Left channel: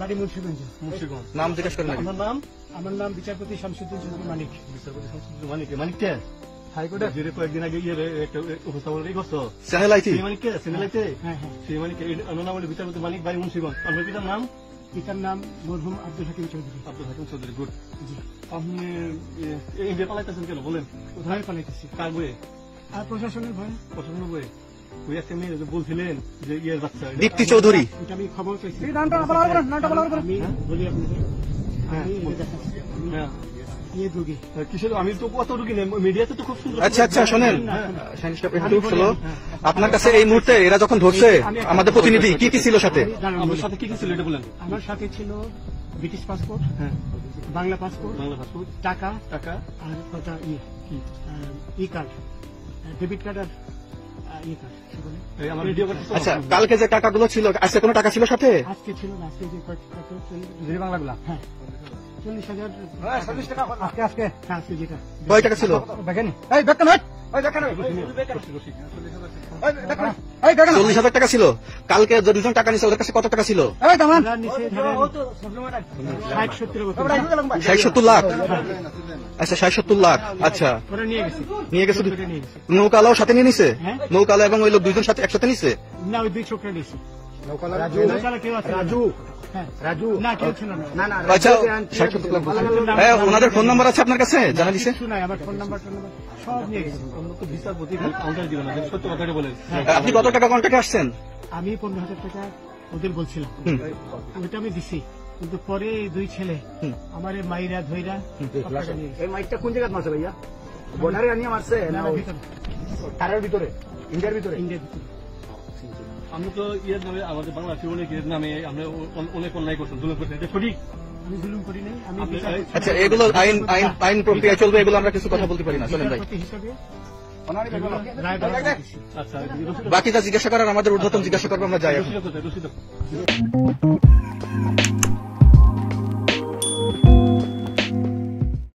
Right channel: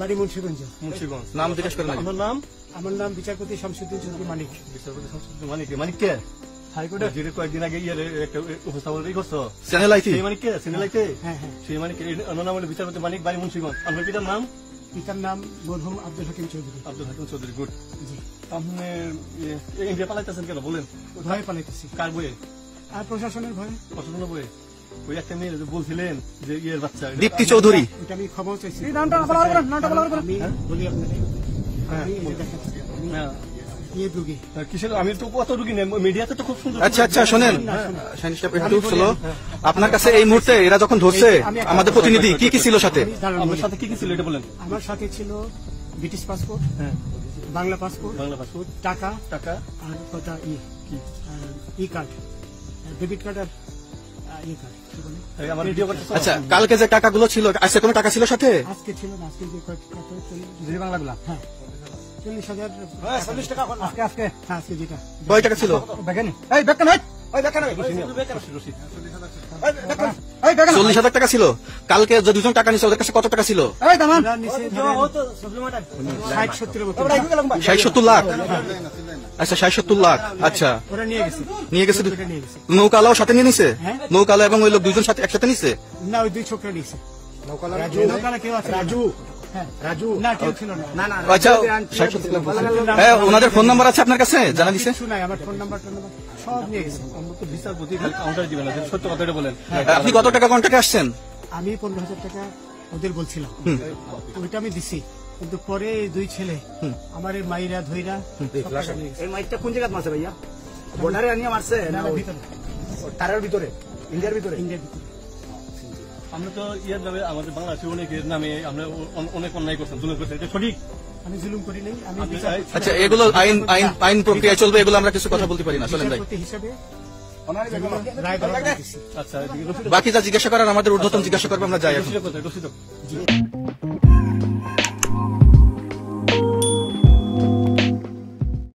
বাড়ি মুন্সিগঞ্জ। নাম জিজ্ঞেস করেন। আমার নাম বিচারপতি শামসুদ্দিন মানিক। মানিক কে? হাইকোর্টে যেটা কয়েকদিন আগে একটা উপস্থাপন করছো চ্যানেল আইছি। সেই মানিক কে? চ্যানেল আইতে সেই মানিক। আমার নাম বিচারপতি মানিক, বাড়ি মুন্সিগঞ্জ। আপনার পিতার নাম? পিতার নাম মরহুম আব্দুল হাকিম চৌধুরী। আব্দুল হাকিম চৌধুরী, গুড। আপনি ইন্ডিয়া পালাইতেছেন কেন বলেন? ভয় পালাইতেছি। কার বইয়ে? আর প্রশাসনের ভয়ে। প্রশাসনের বইয়ে ওই একটা মেয়ে বলছিলেন যে ইয়ের বাচ্চা দীপ্তি চৌধুরী। এটা আমি খবর চাইছি। আমি তো কত রুগী মিডিয়াতে তো খুব সুন্দর। আচ্ছা আচ্ছা শোনেন, আপনার কাছে এই মুহূর্তে এরা যখন ধরছে আমাদের প্রতিনিধি কি কি ছিল সাথে? আমার সাথে কি কি ছিল এটা বলেন। আমার সাথে ছিল ব্রিটিশ পাসপোর্ট, বাংলা পাসপোর্ট, টাকা টাকা আর কথা ই কার্ড, ডেবিট কার্ড আর ই কার্ড। আচ্ছা, কালকে যে টাকাগুলো ছিল আজকে কোনো টাকা ছিল সাথে? আজকে ছিল না, আজকে যে বাংলাগুলা কয় টাকা ছিল? 40,000 টাকা ছিল। কালকে যে দুজন টাকা নিয়েছে ওদের কাছে কত টাকা ছিল? 60-70 লাখ। আচ্ছা 60-70 লাখ। আচ্ছা নিয়ে গেছে। নৌকালাও সাথে নিয়ে নিছে? নৌকালা এবং ওই লোক দুইজন সাথে একসাথে নিছে? ওনাদের ফোন নাম্বার আছে আপনার কাছে? জানা দিচ্ছে? আপনি কত টাকা কন্ট্যাক্টে আসছেন? আমি 15,000 টাকা ওদের বলছিলাম, ওইটা আমি দিছি। কিন্তু পরে দুই ছেলে আমার মাইরা ধইরা। এই মাইরটা কোন জায়গায় মারছে ভাইয়া? বর্ডারে আনিয়ে মারছে না তারের ভিতরে? ইন্ডিয়ার ভিতরে। আমরা তো ইয়ের নামে আমাদের বাংলাদেশের অনেকের নামে আমরা অনেক অন্যায় করতাম, সঠিক। আচ্ছা, এগুলো আইন প্রক্রিয়া চলবে, এগুলো আমরা কিছু কথা বলতে পারি না। শোনেন নাই, বাকি যা জিজ্ঞাসা করার আমাদের ঊর্ধ্বতন জিজ্ঞাসা করবো, আমরা যাই।